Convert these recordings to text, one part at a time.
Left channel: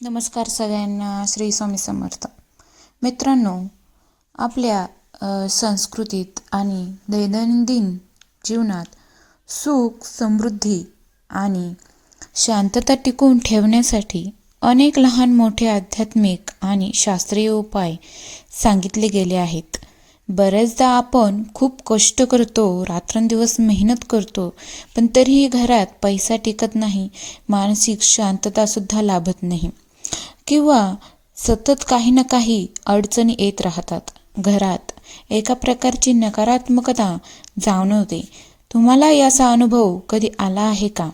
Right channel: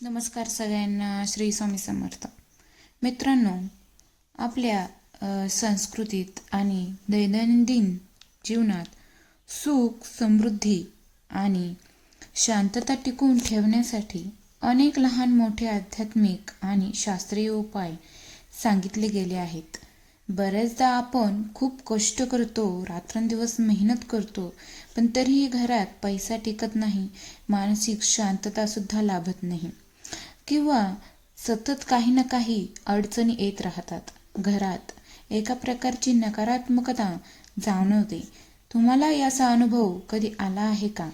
नमस्कार सगळ्यांना. श्री स्वामी समर्थ. मित्रांनो, आपल्या संस्कृतीत आणि दैनंदिन जीवनात सुख, समृद्धी आणि शांतता टिकवून ठेवण्यासाठी अनेक लहान मोठे आध्यात्मिक आणि शास्त्रीय उपाय सांगितले गेले आहेत. बऱ्याचदा आपण खूप कष्ट करतो, रात्रंदिवस मेहनत करतो, पण तरीही घरात पैसा टिकत नाही, मानसिक शांततासुद्धा लाभत नाही किंवा सतत काही ना काही अडचणी येत राहतात. घरात एका प्रकारची नकारात्मकता जाणवते. तुम्हाला याचा अनुभव कधी आला आहे का?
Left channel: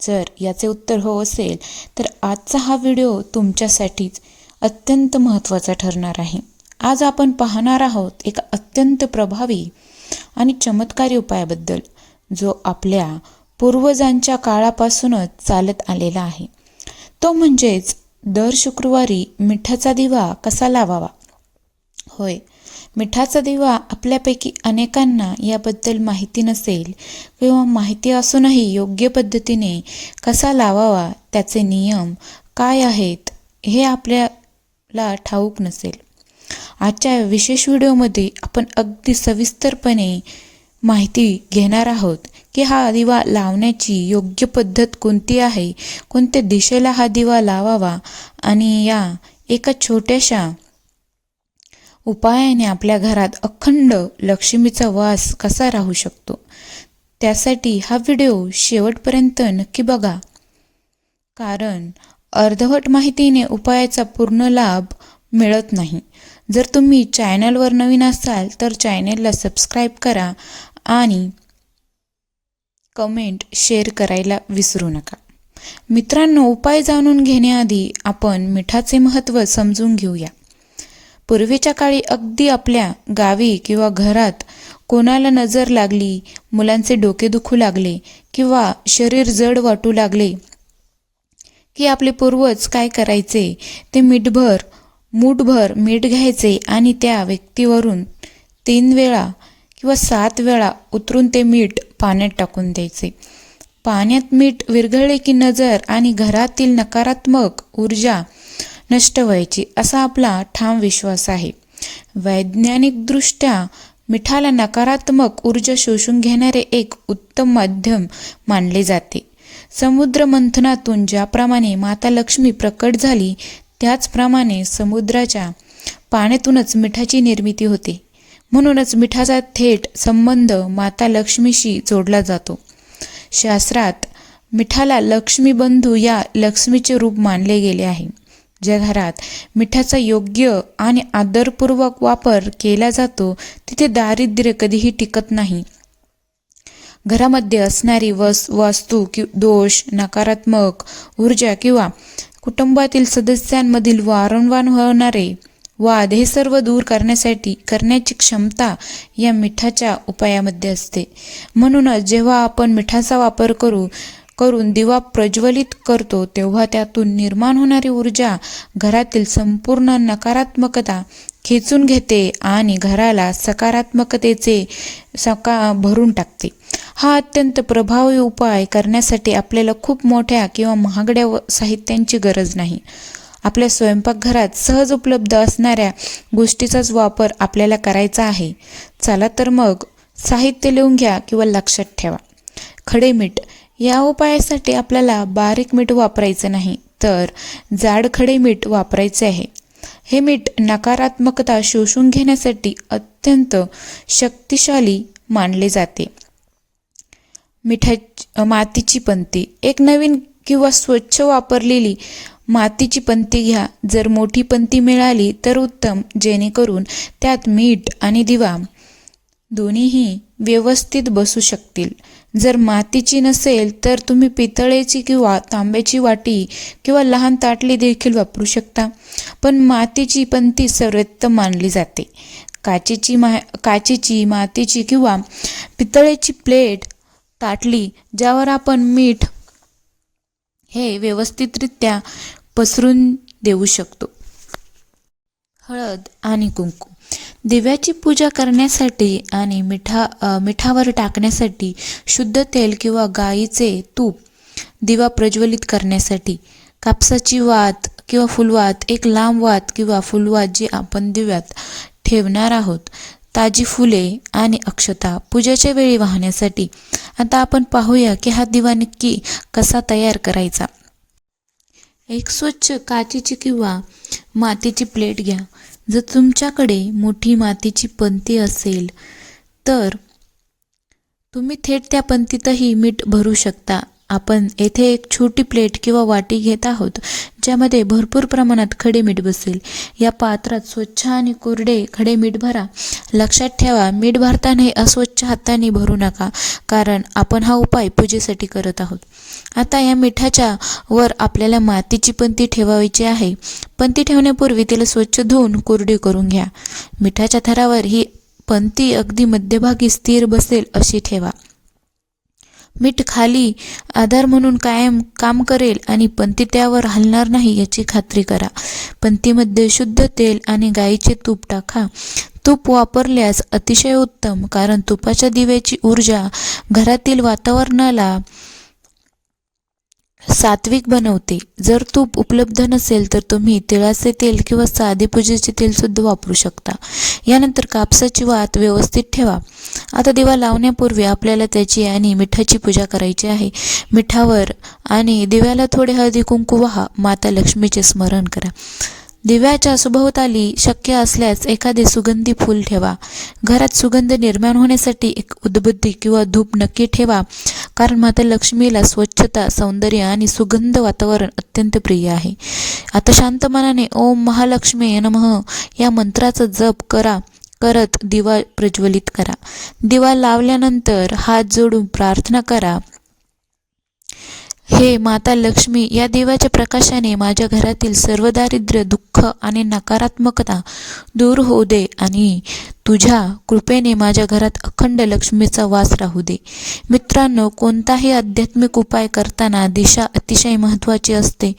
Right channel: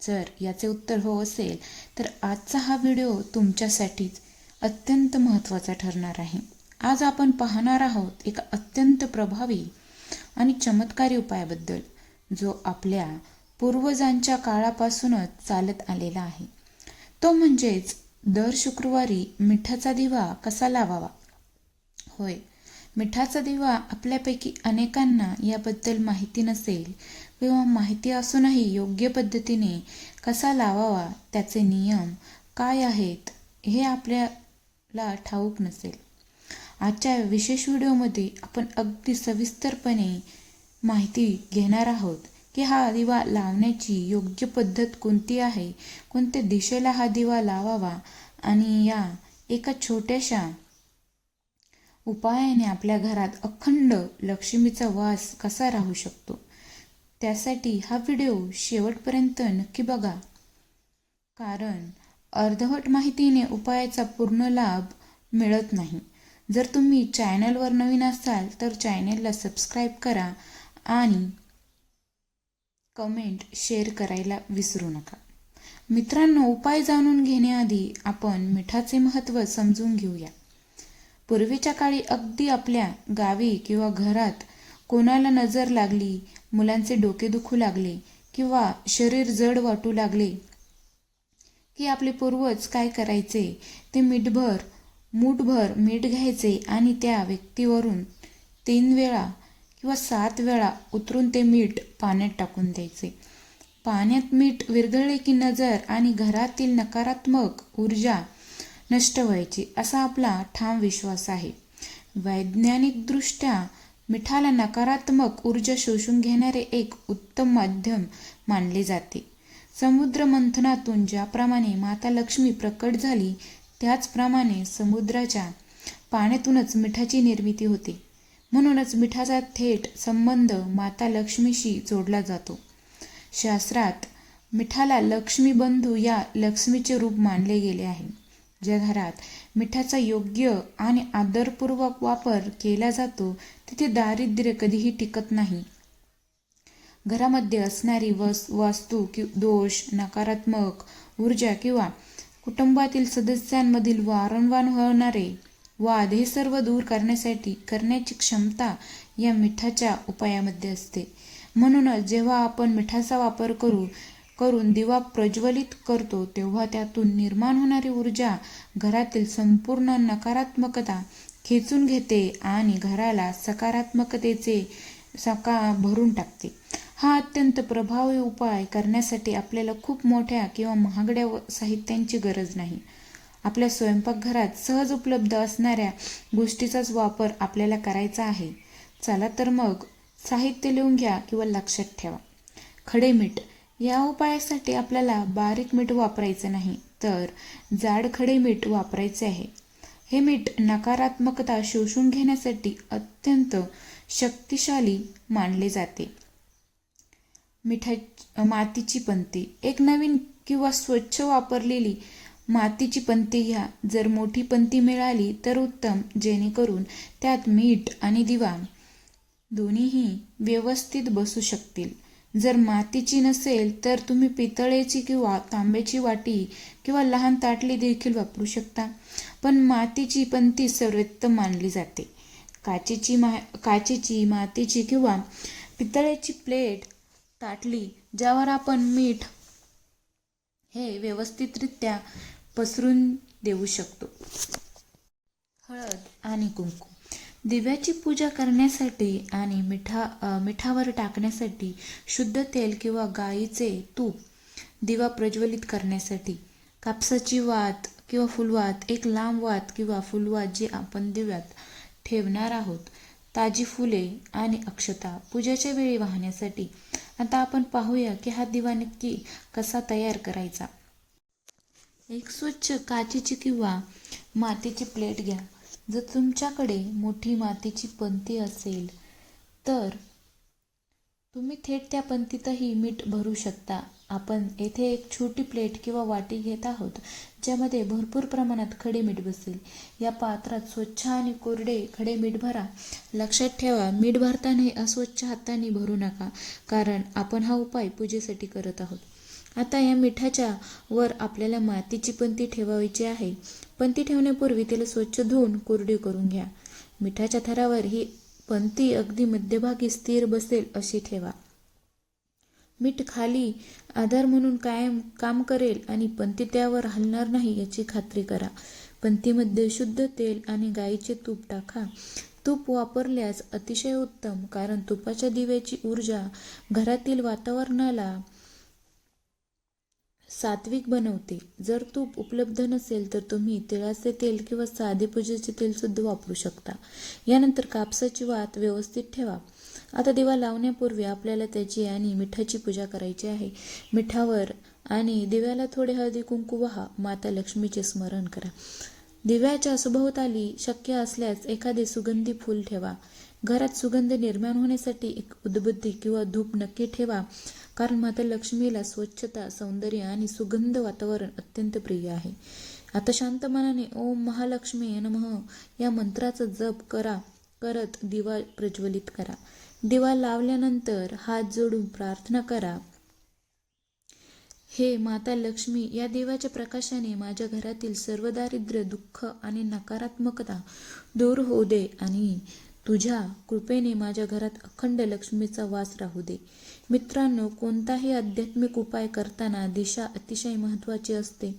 जर याचे उत्तर हो असेल तर आजचा हा व्हिडिओ तुमच्यासाठीच अत्यंत महत्त्वाचा ठरणार आहे. आज आपण पाहणार आहोत एका अत्यंत प्रभावी आणि चमत्कारी उपायाबद्दल, जो आपल्या पूर्वजांच्या काळापासूनच चालत आलेला आहे. तो म्हणजेच दर शुक्रवारी मिठाचा दिवा कसा लावावा. होय, मिठाचा दिवा आपल्यापैकी अनेकांना याबद्दल माहिती नसेल किंवा माहिती असूनही योग्य पद्धतीने कसा लावावा, त्याचे नियम काय आहेत हे आपल्याला ठाऊक नसेल. आजच्या विशेष व्हिडिओमध्ये आपण अगदी सविस्तरपणे माहिती घेणार आहोत की हा दिवा लावण्याची योग्य पद्धत कोणती आहे, कोणत्या दिशेला हा दिवा लावावा आणि या एका छोट्याशा उपायाने आपल्या घरात अखंड लक्ष्मीचा वास कसा राहू शकतो. त्यासाठी हा व्हिडिओ शेवटपर्यंत नक्की बघा, कारण अर्धवट माहितीने उपायाचा पूर्ण लाभ मिळत नाही. जर तुम्ही चॅनलवर नवीन असाल तर चॅनलला सबस्क्राईब करा आणि कमेंट शेअर करायला विसरू नका. मित्रांनो, उपाय जाणून घेण्याआधी आपण मिठाचे महत्त्व समजून घेऊया. पूर्वीच्या काळी अगदी आपल्या गावी किंवा घरात कोणाला नजर लागली, मुलांचे डोके दुखू लागले किंवा शरीर जड वाटू लागले की आपले पूर्वज काय करायचे, ते मूठभर मीठ घ्यायचे आणि त्या व्यक्तीवरून 3 वेळा किंवा 7 वेळा उतरून ते मीठ पाण्यात टाकून द्यायचे. पाण्यात मीठ विरघळले की नजर आणि घरातील नकारात्मक ऊर्जा नष्ट व्हायची, असा आपला ठाम विश्वास आहे. वैज्ञानिकदृष्ट्या मिठाला नकारात्मक ऊर्जा शोषून घेणारे एक उत्तम माध्यम मानले जाते. समुद्र मंथनातून ज्याप्रमाणे माता लक्ष्मी प्रकट झाली, त्याचप्रमाणे समुद्राच्या पाण्यातूनच मिठाची निर्मिती होते. म्हणूनच मिठाचा थेट संबंध माता लक्ष्मीशी जोडला जातो. शास्त्रात मिठाला लक्ष्मी बंधू या लक्ष्मीचे रूप मानले गेले आहे. ज्या घरात मिठाचा योग्य आणि आदरपूर्वक वापर केला जातो, तिथे दारिद्र्य कधीही टिकत नाही. घरामध्ये असणारी वास्तू दोष, नकारात्मक ऊर्जा किंवा कुटुंबातील सदस्यांमधील वारंवार होणारे वाद हे सर्व दूर करण्याची क्षमता या मिठाच्या उपायामध्ये असते. म्हणूनच जेव्हा आपण मिठाचा वापर करून दिवा प्रज्वलित करतो, तेव्हा त्यातून निर्माण होणारी ऊर्जा घरातील संपूर्ण नकारात्मकता खेचून घेते आणि घराला सकारात्मकतेचे भरून टाकते. हा अत्यंत प्रभावी उपाय करण्यासाठी आपल्याला खूप मोठ्या किंवा महागड्या साहित्यांची गरज नाही. आपल्या स्वयंपाकघरात सहज उपलब्ध असणाऱ्या गोष्टीचाच वापर आपल्याला करायचा आहे. चला तर मग साहित्य लिहून घ्या किंवा लक्षात ठेवा. खडे मीठ. या उपायासाठी आपल्याला बारीक मीठ वापरायचं नाही, तर जाड खडे मीठ वापरायचे आहे. हे मीठ नकारात्मकता शोषून घेण्यासाठी अत्यंत शक्तिशाली मानले जाते. मातीची पंती. एक नवीन किंवा स्वच्छ वापरलेली मातीची पंती घ्या. जर मोठी पंती मिळाली तर उत्तम, जेणेकरून त्यात मीठ आणि दिवा दोन्हीही व्यवस्थित बसू शकतील. जर मातीची नसेल तर तुम्ही पितळेची किंवा तांब्याची वाटी किंवा लहान ताटली देखील वापरू शकता, पण मातीची पंती सर्वोत्तम मानली जाते. काचेची, मातीची किंवा पितळेची प्लेट, ताटली ज्यावर आपण मीठ हे व्यवस्थितरित्या पसरून देऊ शकतो. हळद आणि कुंकू. दिव्याची पूजा करण्यासाठी आणि मिठावर टाकण्यासाठी शुद्ध तेल किंवा गाईचे तूप, दिवा प्रज्वलित करण्यासाठी कापसाची वात, किंवा फुलवात एक लांब वात किंवा फुलवात जी आपण दिव्यात ठेवणार आहोत. ताजी फुले आणि अक्षता पूजेच्या वेळी वाहण्यासाठी. आता आपण पाहूया की हा दिवा नक्की कसा तयार करायचा. एक स्वच्छ काचेची किंवा मातीची प्लेट घ्या. जर तुमच्याकडे मोठी मातीची पंती असेल तर तुम्ही थेट त्या पंतीतही मीठ भरू शकता. आपण येथे एक छोटी प्लेट किंवा वाटी घेत आहोत ज्यामध्ये भरपूर प्रमाणात खडे मीठ बसेल. या पात्रात स्वच्छ आणि कोरडे खडे मीठ भरा. लक्षात ठेवा, मीठ भरताना अस्वच्छ हाताने भरू नका, कारण आपण हा उपाय पूजेसाठी करत आहोत. आता या मिठाच्या वर आपल्याला मातीची पंती ठेवायची आहे. पंती ठेवण्यापूर्वी तिला स्वच्छ धुवून कोरडी करून घ्या. मिठाच्या थरावर ही पंती अगदी मध्यभागी स्थिर बसेल अशी ठेवा. मीठ खाली आधार म्हणून कायम काम करेल आणि पंती त्यावर हलणार नाही याची खात्री करा. पंतीमध्ये शुद्ध तेल आणि गाईचे तूप टाका. तूप वापरल्यास अतिशय उत्तम, कारण तुपाच्या दिव्याची ऊर्जा घरातील वातावरणाला सात्विक बनवते. जर तूप उपलब्ध नसेल तर तुम्ही तिळाचे तेल किंवा साधे पूजेचे तेल सुद्धा वापरू शकता. यानंतर कापसाची वात व्यवस्थित ठेवा. आता दिवा लावण्यापूर्वी आपल्याला त्याची आणि मिठाची पूजा करायची आहे. मिठावर आणि दिव्याला थोडे हळदी कुंकू वाहा. माता लक्ष्मीचे स्मरण करा. दिव्याच्या सभोवताली शक्य असल्यास एखादे सुगंधी फूल ठेवा. घरात सुगंध निर्माण होण्यासाठी एक उदबत्ती किंवा धूप नक्की ठेवा, कारण माता लक्ष्मीला स्वच्छता, सौंदर्य आणि सुगंध वातावरण अत्यंत प्रिय आहे. आता शांत मनाने ओम महालक्ष्मी नमः या मंत्राचा जप करत दिवा प्रज्वलित करा. दिवा लावल्यानंतर हात जोडून प्रार्थना करा. हे माता लक्ष्मी, या दिव्याच्या प्रकाशाने माझ्या घरातील सर्व दारिद्र्य, दुःख आणि नकारात्मकता दूर होऊ दे आणि तुझ्या कृपेने माझ्या घरात अखंड लक्ष्मीचा वास राहू दे. मित्रांनो, कोणताही आध्यात्मिक उपाय करताना दिशा अतिशय महत्त्वाची असते.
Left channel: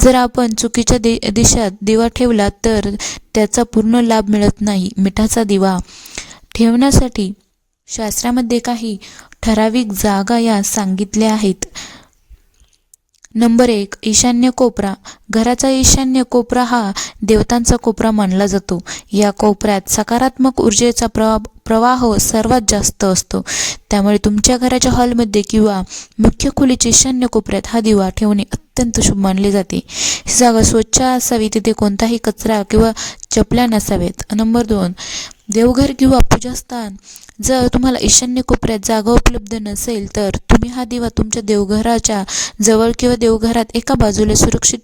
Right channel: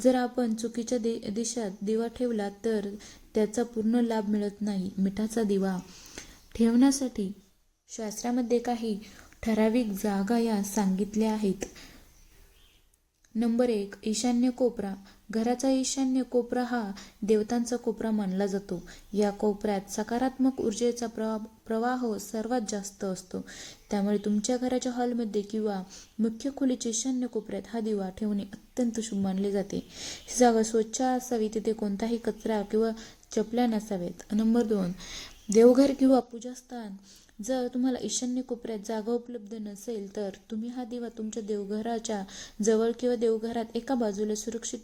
जर आपण चुकीच्या दिशेत दिवा ठेवला तर त्याचा पूर्ण लाभ मिळत नाही. मिठाचा दिवा ठेवण्यासाठी शास्त्रामध्ये काही ठराविक जागा या सांगितल्या आहेत. नंबर 1, ईशान्य कोपरा. घराचा ईशान्य कोपरा हा देवतांचा कोपरा मानला जातो. या कोपऱ्यात सकारात्मक ऊर्जेचा प्रवाह सर्वात जास्त असतो. त्यामुळे तुमच्या घराच्या हॉलमध्ये किंवा मुख्य खोलीच्या ईशान्य कोपऱ्यात हा दिवा ठेवणे अत्यंत शुभ मानले जाते. ही जागा स्वच्छ असावी, तिथे कोणताही कचरा किंवा चपल्या नसावेत. नंबर 2, देवघर किंवा पूजास्थान. जर तुम्हाला ईशान्य कोपऱ्यात जागा उपलब्ध नसेल तर तुम्ही हा दिवा तुमच्या देवघराच्या जवळ किंवा देवघरात एका बाजूला सुरक्षित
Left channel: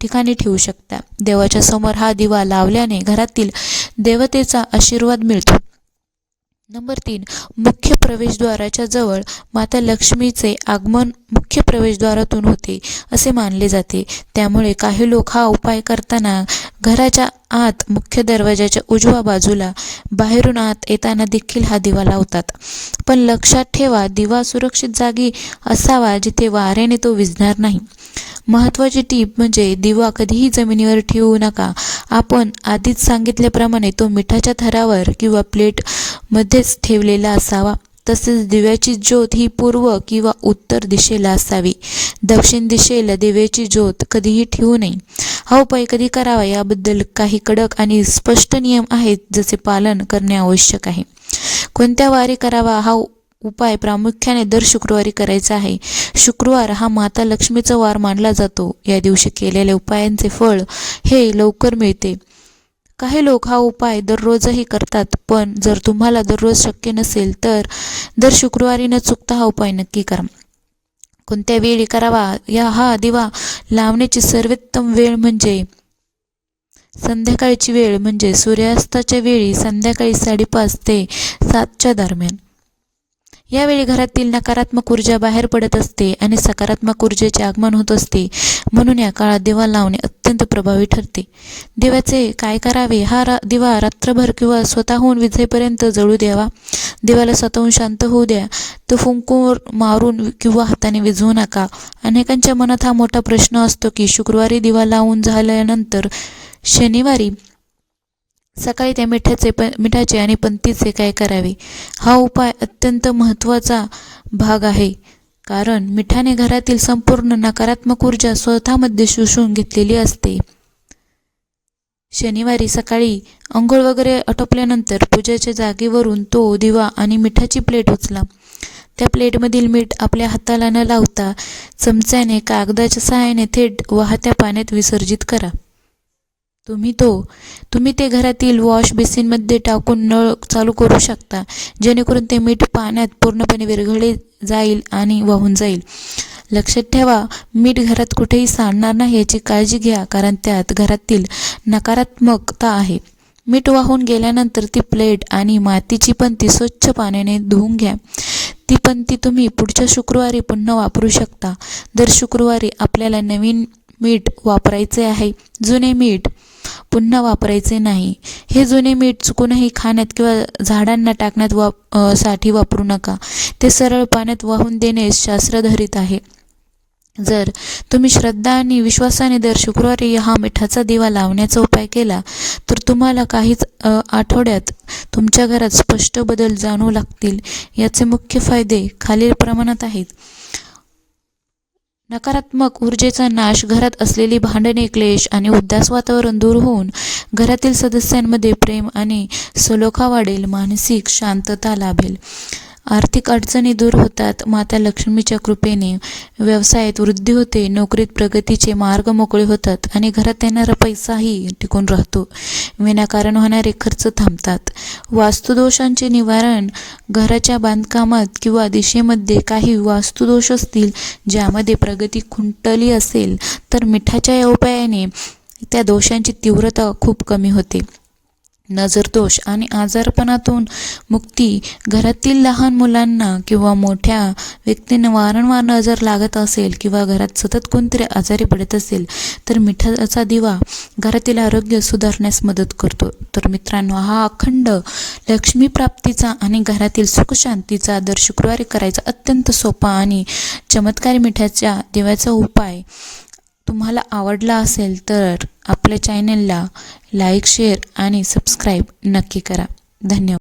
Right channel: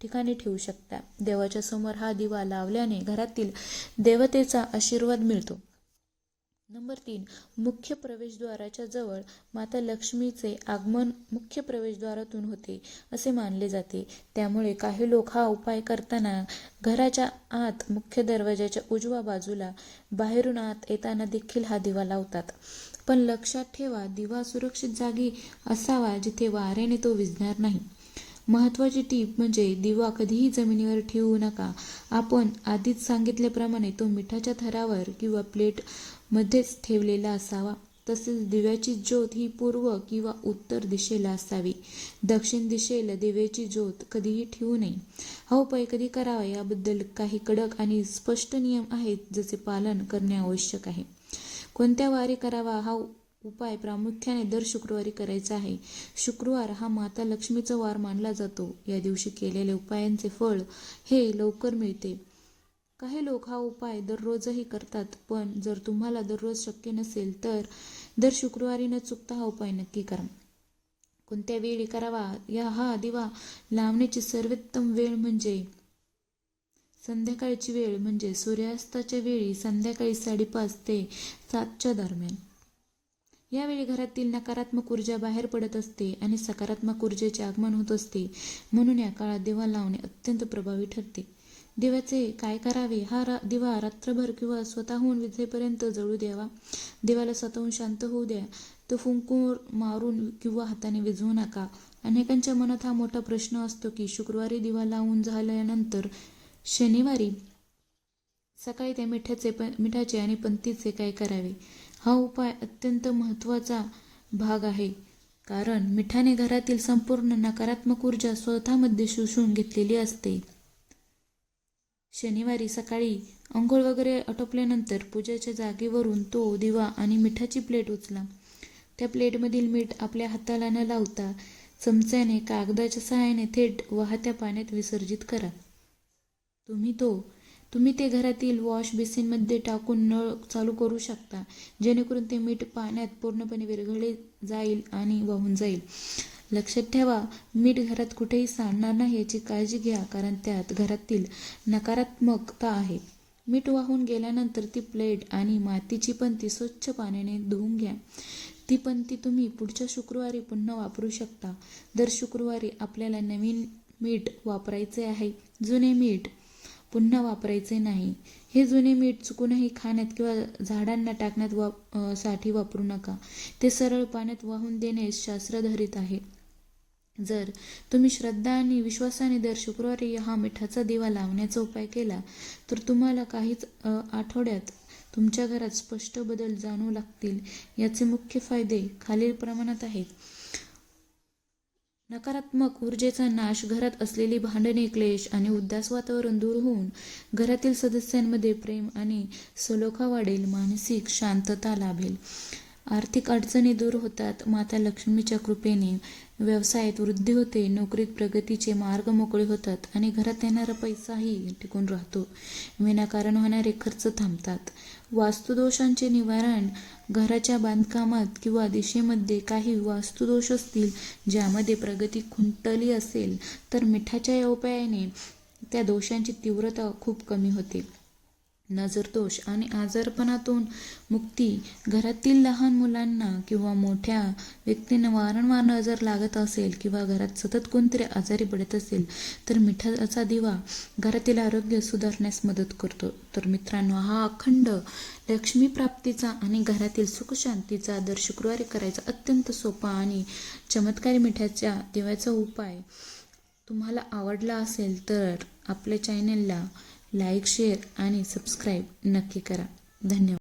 ठिकाणी ठेवू शकता. देवाच्या समोर हा दिवा लावल्याने घरातील देवतेचा आशीर्वाद मिळतो. नंबर 3, मुख्य प्रवेशद्वाराच्या जवळ. माता लक्ष्मीचे आगमन मुख्य प्रवेशद्वारातून होते असे मानले जाते. त्यामुळे काही लोक हा उपाय करताना घराच्या आत मुख्य दरवाजाच्या उजव्या बाजूला बाहेरून आत येताना देखील हा दिवा लावतात. पण लक्षात ठेवा, दिवा सुरक्षित जागी असावा जिथे वाऱ्याने तो विझणार नाही. महत्त्वाची टीप म्हणजे दिवा कधीही जमिनीवर ठेवू नका. आपण आधीच सांगितल्याप्रमाणे तो मिठाच्या थरावर किंवा प्लेटमध्येच ठेवलेला असावा. तसेच दिव्याची ज्योत ही पूर्व किंवा उत्तर दिशेला असावी. दक्षिण दिशेला दिव्याची ज्योत कधीही ठेवू नये. हा उपाय कधी करावा याबद्दल काही कडक आणि स्पष्ट नियम आहेत, ज्याचे पालन करणे आवश्यक आहे. कोणत्या वारी करावा? हा उपाय प्रामुख्याने दर शुक्रवारी करायचा आहे. शुक्रवार हा माता लक्ष्मीचा वार मानला जातो. या दिवशी केलेल्या उपायांचे फळ हे लवकर मिळते. काही लोक हा उपाय दररोजही करतात, पण जर तुम्हाला दररोज शक्य नसेल तर दर शुक्रवारी न चुकता हा उपाय नक्की करा. कोणत्या वेळी करावा? हा दिवा लावण्याची सर्वोत्तम वेळ म्हणजे संध्याकाळची वेळ, म्हणजे सूर्यास्ताच्या वेळी संध्याकाळी 5:30 ते 7च्या दरम्यान. यावेळी घरातील नकारात्मक ऊर्जा बाहेर पडत असते आणि सकारात्मक ऊर्जेचे आगमन होत असते. म्हणून या काळात दिवा लावणे अत्यंत प्रभावी ठरते. दिव्याचे काय करावे? हा दिवा रात्रभर किंवा स्वतःहून विझेपर्यंत जळू द्यावा. दिव्याला स्वतःहून शांत होऊ द्या. तो फुंकूर मारून किंवा हाताने विझवू नका. अनेकांच्या मनात हा मोठा प्रश्न असतो की शुक्रवारी दिवा लावून झाल्यानंतर शनिवारी सकाळी त्या मिठाचे आणि पंतीचे काय करावे? हा उपाय अत्यंत महत्त्वाचा भाग आहे. कारण मिठाने घरातील संपूर्ण नकारात्मक ऊर्जा स्वतःमध्ये शोषून घेतलेली असते. शनिवारी सकाळी अंघोळ वगैरे आटोपल्यानंतर पूजेच्या जागेवरून तो दिवा आणि मिठाची प्लेट उचला. त्या प्लेटमधील मीठ आपल्या हाताला न लावता चमच्याने कागदाच्या सहाय्याने थेट वाहत्या पाण्यात विसर्जित करा. तुम्ही ते घरातील वॉश बेसिनमध्ये टाकून नळ चालू करू शकता, जेणेकरून ते मीठ पाण्यात पूर्णपणे विरघळले जाईल आणि वाहून जाईल. लक्षात ठेवा, मीठ घरात कुठेही सांडणार नाही याची काळजी घ्या, कारण त्यात घरातील नकारात्मकता आहे. मीठ वाहून गेल्यानंतर ती प्लेट आणि मातीची पणती स्वच्छ पाण्याने धुवून घ्या. ती पणती तुम्ही पुढच्या शुक्रवारी पुन्हा वापरू शकता. दर शुक्रवारी आपल्याला नवीन मीठ वापरायचे आहे, जुने मीठ पुन्हा वापरायचे नाही. हे जुने मीठ चुकूनही खाण्यात किंवा झाडांना टाकण्यात साठी वापरू नका. ते सरळ पाण्यात वाहून देणे शास्त्रधरित आहे. जर तुम्ही श्रद्धा आणि विश्वासाने दर शुक्रवारी हा मिठाचा दिवा लावण्याचा उपाय केला तर तुम्हाला काहीच आठवड्यात तुमच्या घरात स्पष्ट बदल जाणवू लागतील. याचे मुख्य फायदे खालील प्रमाणात आहेत. नकारात्मक ऊर्जेचा नाश, घरात असलेली भांडणे, क्लेश आणि उदास वातावरण दूर होऊन घरातील सदस्यांमध्ये प्रेम आणि सलोखा वाढेल. मानसिक शांतता लाभेल. आर्थिक अडचणी दूर होतात. माता लक्ष्मीच्या कृपेने व्यवसायात वृद्धी होते. नोकरीत प्रगतीचे मार्ग मोकळे होतात आणि घरात येणारा पैसाही टिकून राहतो. विनाकारण होणारे खर्च थांबतात. वास्तुदोषांचे निवारण. घराच्या बांधकामात किंवा दिशेमध्ये काही वास्तुदोष असतील, ज्यामध्ये प्रगती खुंटली असेल, तर मिठाच्या या उपायाने त्या दोषांची तीव्रता खूप कमी होते. नजरदोष आणि आजारपणातून मुक्ती. घरातील लहान मुलांना किंवा मोठ्या व्यक्तींना वारंवार नजर लागत असेल किंवा घरात सतत कोणतरी आजारी पडत असेल तर मिठाचा दिवा घरातील आरोग्य सुधारण्यास मदत करतो. तर मित्रांनो, हा अखंड लक्ष्मी प्राप्तीचा आणि घरातील सुखशांतीचा दर शुक्रवारी करायचा अत्यंत सोपा आणि चमत्कारी मिठाच्या दिव्याचा उपाय तुम्हाला आवडला असेल तर आपल्या चॅनलला लाईक, शेअर आणि सबस्क्राईब नक्की करा. धन्यवाद.